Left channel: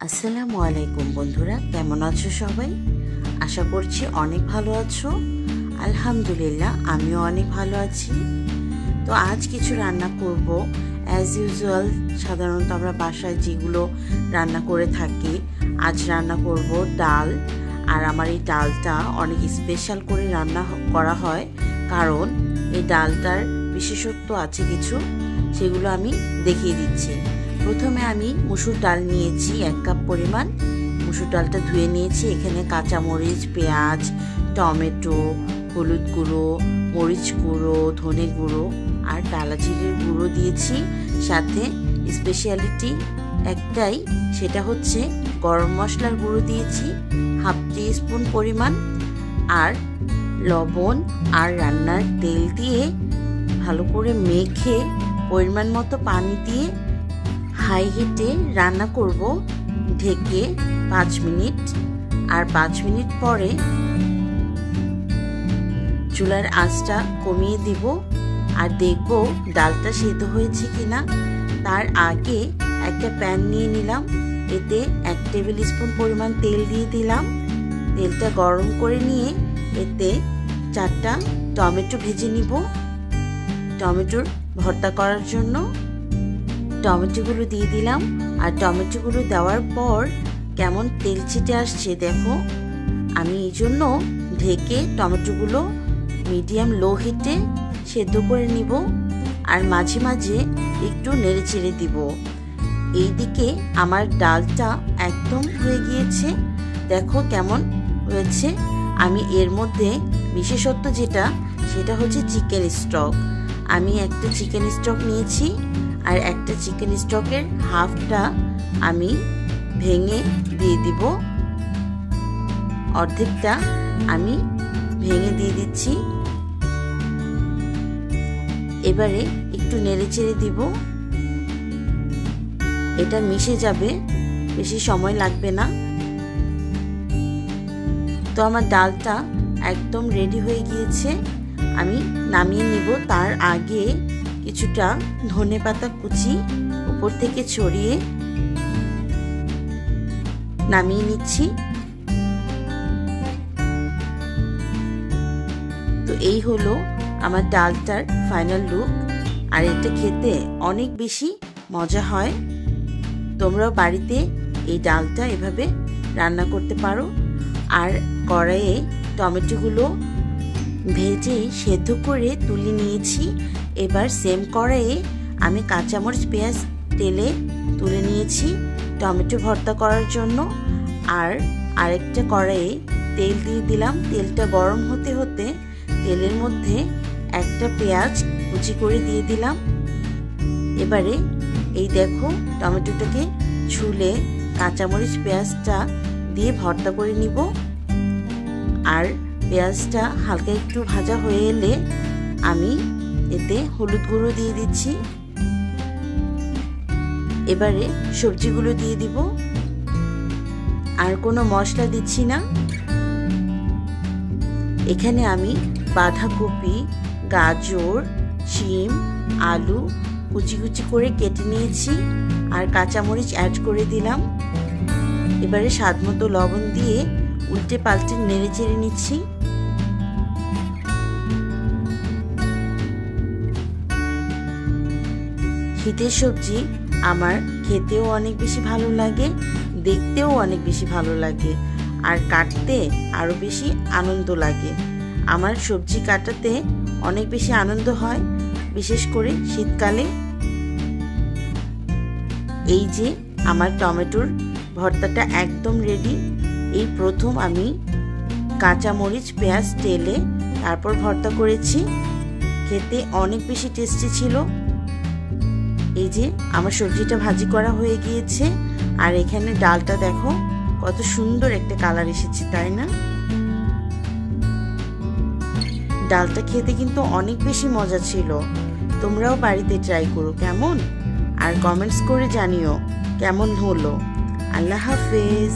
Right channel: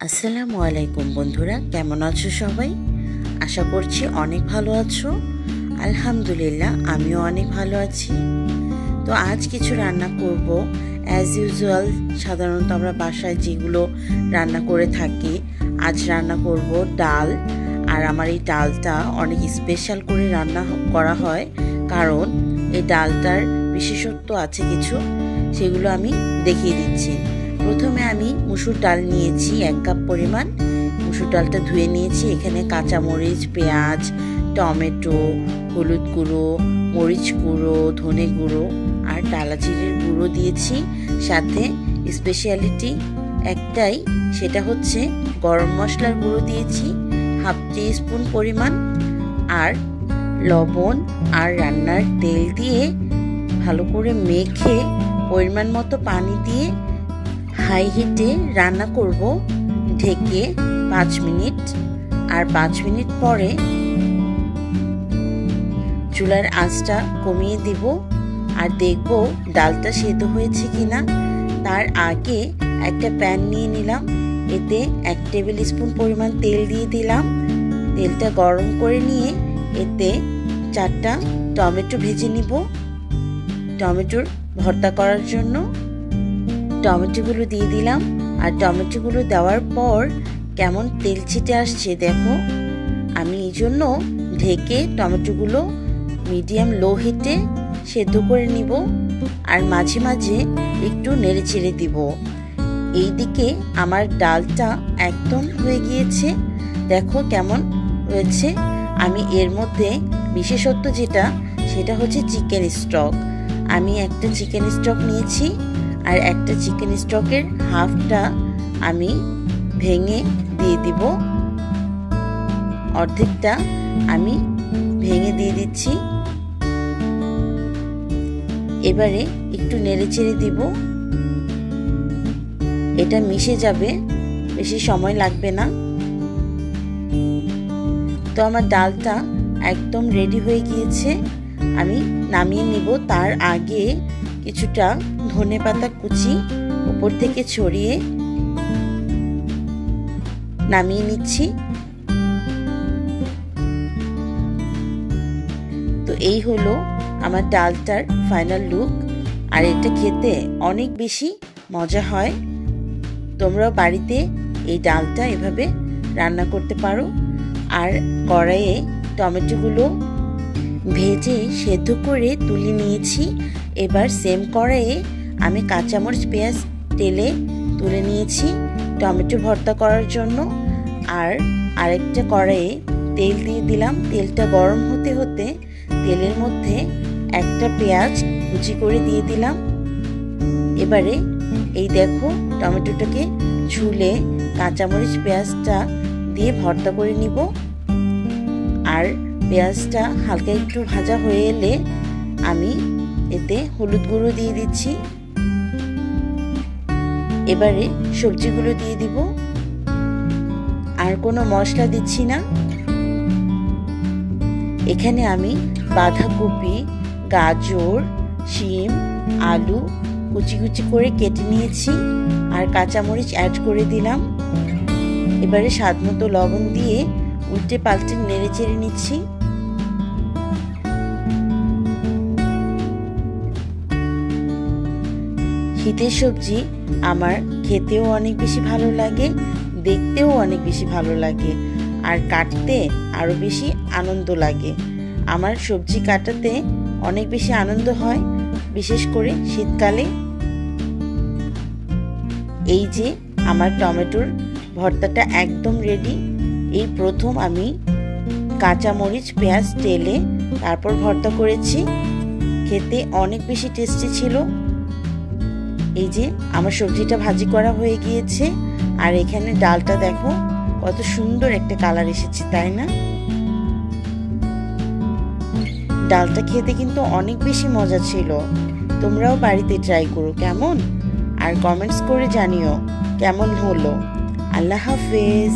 আসসালামু আলাইকুম বন্ধুরা, কেমন আছো সবাই? আশা করছি অনেক ভালো আছো। আলহামদুলিল্লাহ, আমিও অনেক ভালো আছি। তো আজ কিছু রান্না করব অ্যাজ ইউজুয়াল। সাধারণত আমরা বাসায় যেগুলো রান্না করে থাকি, আজ রান্না করব ডাল। আর আমার এই ডালটা অনেক স্পেশাল করে রান্না করা হয়, কারণ এই ডালটার বিশেষত্ব আছে কিছু, সেগুলো আমি দেখিয়ে দিচ্ছি। প্রথমে আমি মুসুর ডাল নিয়েছি 1 কাপ পরিমাণ। মুসুর ডালটা ধুয়ে নিয়েছি। এখানে কাঁচামরিচ, পেঁয়াজ, টমেটো, হলুদ গুঁড়ো, মরিচ গুঁড়ো, ধনে গুঁড়ো আর ডালা জিরের গুঁড়ো দিয়েছি। সাথে স্পেশালিটি একটাই, সেটা হচ্ছে গরম মশলার গুঁড়ো দিয়েছি 1/2 টিস্পুন পরিমাণ। আর লবণ আর রান্নার তেল দিয়ে ভালো করে মেখে পরিমাণ মতো পানি দিয়ে হাই হিটে রান্না করব ঢেকে 5 মিনিট। আর 5 মিনিট পরে চুলার আঁচটা কমিয়ে দিব আর দেখব ডালটা সেদ্ধ হয়েছে কিনা। তার আগে একটা প্যান নিয়ে নিলাম, এতে 1 টেবিল স্পুন পরিমাণ তেল দিয়ে দিলাম। তেলটা গরম করে নিয়ে এতে 4টা টমেটো ভেজে নিব টমেটোর ভর্তা করার জন্য। টমেটোগুলো দিয়ে দিলাম। আর টমেটোগুলো দেওয়ার পর কেমন তেল ছিটে আসছে দেখো। আমি এই জন্য ঢেকে টমেটোগুলো মিডিয়াম লো হিটে সেদ্ধ করে নিব আর মাঝে মাঝে একটু নেড়ে চেড়ে দিব। এইদিকে আমার ডালটা একদম হয়ে গিয়েছে, দেখো কেমন হয়েছে। আমি এর মধ্যে বিশেষত্ব যেটা, সেটা হচ্ছে চিকেন স্টক। আমি একটা চিকেন স্টক নিয়েছি আর একটা চিকেন স্টকের হাফটা আমি ভেঙে দিয়ে দিব। অর্ধেকটা আমি ভেঙে দিয়ে দিচ্ছি। এবারে একটু নেড়ে চেড়ে দিব, এটা মিশে যাবে, বেশি সময় লাগবে না। তো আমার ডালটা একদম রেডি হয়ে গিয়েছে, আমি নামিয়ে নিব। তার আগে কিছুটা ধনেপাতা কুচি উপর থেকে ছড়িয়ে নামিয়ে নিচ্ছি। তো এই হলো আমার ডালটার ফাইনাল লুক। আর এটা খেতে অনেক বেশি মজা হয়। তোমরাও বাড়িতে এই ডালটা এভাবে রান্না করতে পারো। আর কড়াইয়ে টমেটোগুলো ভেজে সেদ্ধ করে তুলে নিয়েছি। এবার সেম কড়াইয়ে আমি কাঁচামরিচ, পেঁয়াজ তেলে তুলে নিয়েছি টমেটো ভর্তা করার জন্য। আর আরেকটা কড়াইয়ে তেল দিয়ে দিলাম। তেলটা গরম হতে হতে তেলের মধ্যে একটা পেঁয়াজ কুচি করে দিয়ে দিলাম। এবারে এই দেখো টমেটোটাকে ছুলে কাঁচামরিচ, পেঁয়াজটা দিয়ে ভর্তা করে নিব। আর পেঁয়াজটা হালকা একটু ভাজা হয়ে এলে আমি এতে হলুদ গুঁড়ো দিয়ে দিচ্ছি। এবারে সবজিগুলো দিয়ে দিব, আর কোনো মশলা দিচ্ছি না। এখানে আমি বাঁধাকপি, গাজর, শিম, আলু কুচি কুচি করে কেটে নিয়েছি আর কাঁচামরিচ অ্যাড করে দিলাম। এবারে স্বাদ মতো লবণ দিয়ে উল্টে পাল্টে নেড়ে চেড়ে নিচ্ছি। শীতের সবজি আমার খেতেও অনেক বেশি ভালো লাগে, দেখতেও অনেক বেশি ভালো লাগে, আর কাটতে আরো বেশি আনন্দ লাগে। আমার সবজি কাটাতে অনেক বেশি আনন্দ হয়, বিশেষ করে শীতকালে। এই যে আমার টমেটোর ভর্তাটা একদম রেডি। এই প্রথম আমি কাঁচামরিচ, পেঁয়াজ তেলে তারপর ভর্তা করেছি, খেতে অনেক বেশি টেস্টি ছিল। এই যে আমার সবজিটা ভাজি করা হয়ে গিয়েছে। আর এখানে ডালটা দেখো কত সুন্দর একটা কালার এসেছে, তাই না? ডালটা খেতে কিন্তু অনেক বেশি মজা ছিল। তোমরাও বাড়িতে ট্রাই করো কেমন, আর কমেন্টস করে জানিও কেমন হলো। আল্লাহ হাফেজ।